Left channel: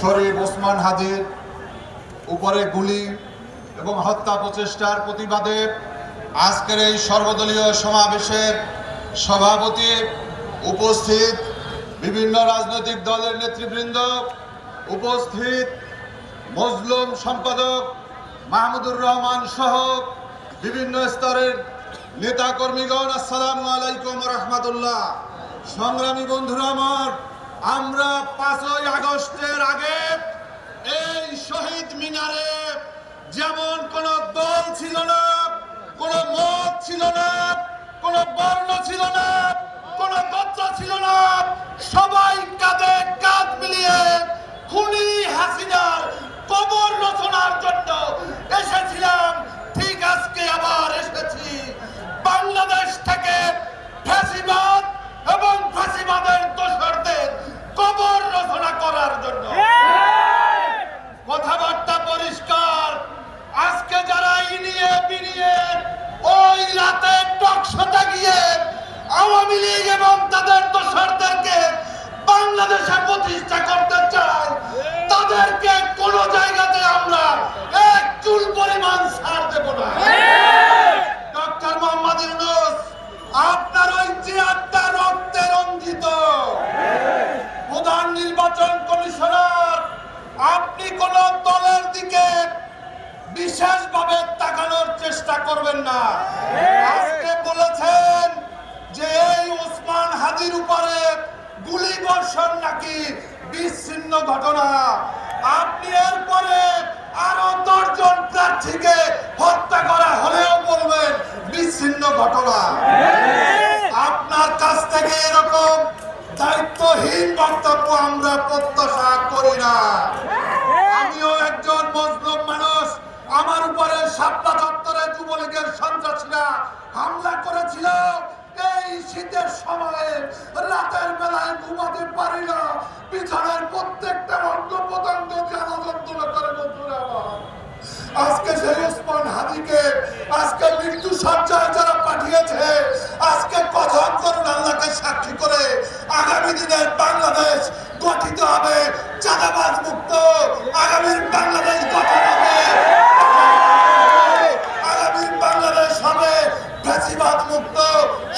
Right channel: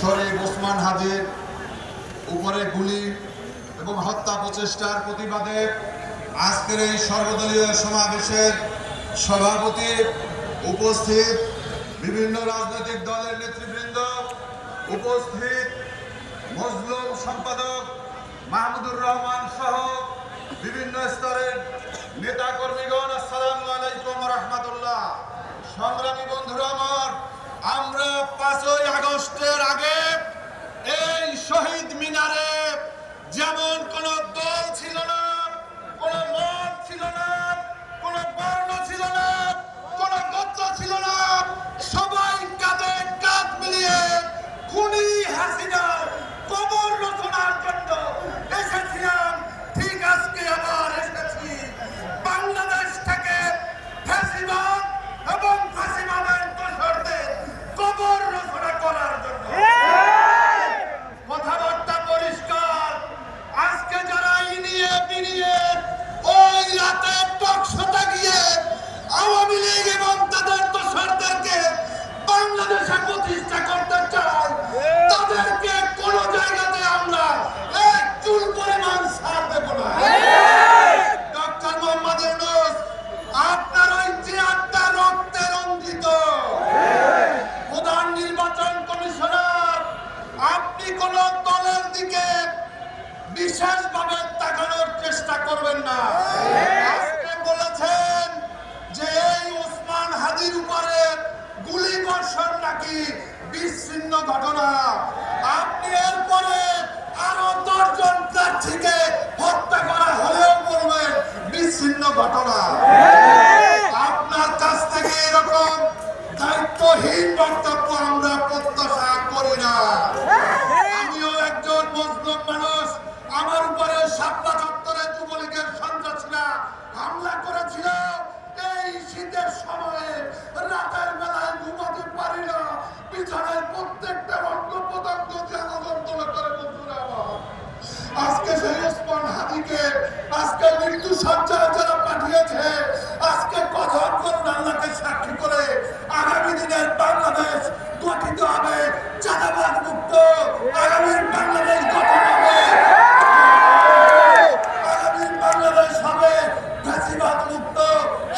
শরীফ ওসমান হাদির উপরে গুলি এবং হত্যা প্রচেষ্টার প্রতিবাদে আজকের এই সর্বদলীয় সমাবেশের সভাপতি, উপস্থিত বিভিন্ন রাজনৈতিক দলের নেতৃবৃন্দ, উপস্থিত মজলুম সম্পাদক মাহমুদুর রহমান সহ বিভিন্ন স্তরের নেতা কর্মীগণ, আসসালামু আলাইকুম ওয়া রাহমাতুল্লাহ। সংগ্রামী বন্ধুরা আমার, আমরা 5ই আগস্টের আগে এই শহীদ মিনারে যেমন কোন দল ছিল না, কোন মত ছিল না, কোন বর্ণ ছিল না, কোন গোত্র ছিল না, সবাই কাঁধে কাঁধ মিলিয়ে খুনি হাসিনার কবর রচনার জন্য এসেছিলাম। ঠিক আজকে আবার এসেছি বাংলাদেশ থেকে ফ্যাসিবাদ এবং ফ্যাসিবাদের দোসরদের কবর রচনা করার জন্য। কথাবার্তা পরিষ্কার। আজকে যারা ইনিয়ে বিনিয়ে ওই রাতে টকশোতে গিয়ে আওয়ামী লীগ এবং তাদের দোসরদেরকে বাংলাদেশে প্রতিষ্ঠা করতে চায়, তাদেরকে কোন জায়গাতে আমরা এক চুল পরিমাণ ছাড় দেব না। ডক্টর মোহাম্মদ ইউনূস, আপনার ওই চেয়ারটা রক্তে রঞ্জিত। প্রধান নির্বাচন কমিশনার, আপনি কোন দলের দিকে বিশেষভাবে তাকানোর চেষ্টা করবেন না। আজকে বলেছেন যে এই ওসমান হাদির উপরে গুলি বর্ষণ নাকি বিচ্ছিন্ন ঘটনা। আপনি এরপরে আরো 10 জন প্রার্থীকে হত্যা করা হলেও বলবেন বিচ্ছিন্ন ঘটনা। আপনার কাছ থেকে এরকম দায়িত্বহীন বক্তব্য আমরা প্রত্যাশা করি না। আমিও একজন মজলুম মানুষ। আমার উপরে শাপলা চত্বরে যুবলীগের সন্ত্রাসীরা হামলা করেছিল। এই শীতের সময়ে রাতের বেলায় ঘুমাতে পারি না, বিছানায় প্রত্যেকটা অঙ্গ প্রত্যঙ্গ যন্ত্রণা করে। বন্ধুরা, আজকে সেই ওসমান হাদিকে আজকে মৃত্যু সজ্জায় যারা পাঠিয়েছে, আজকে কসম করুন আল্লাহকে সাক্ষী করে, আগামী দিনে বাংলাদেশ গঠিত হবে চাঁদাবাজ মুক্ত। আগামী বাংলাদেশ গঠন হবে, আগামী বাংলাদেশ হবে ফ্যাসিবাদ মুক্ত।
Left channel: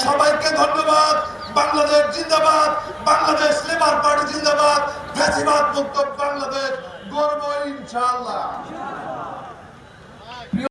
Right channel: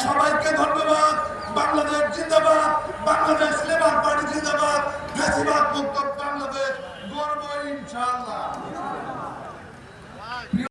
সবাইকে ধন্যবাদ। বাংলাদেশ জিন্দাবাদ, বাংলাদেশ লেবার পার্টি জিন্দাবাদ, ফ্যাসিবাদ মুক্ত বাংলাদেশ গর্ব ইনশাআল্লাহ।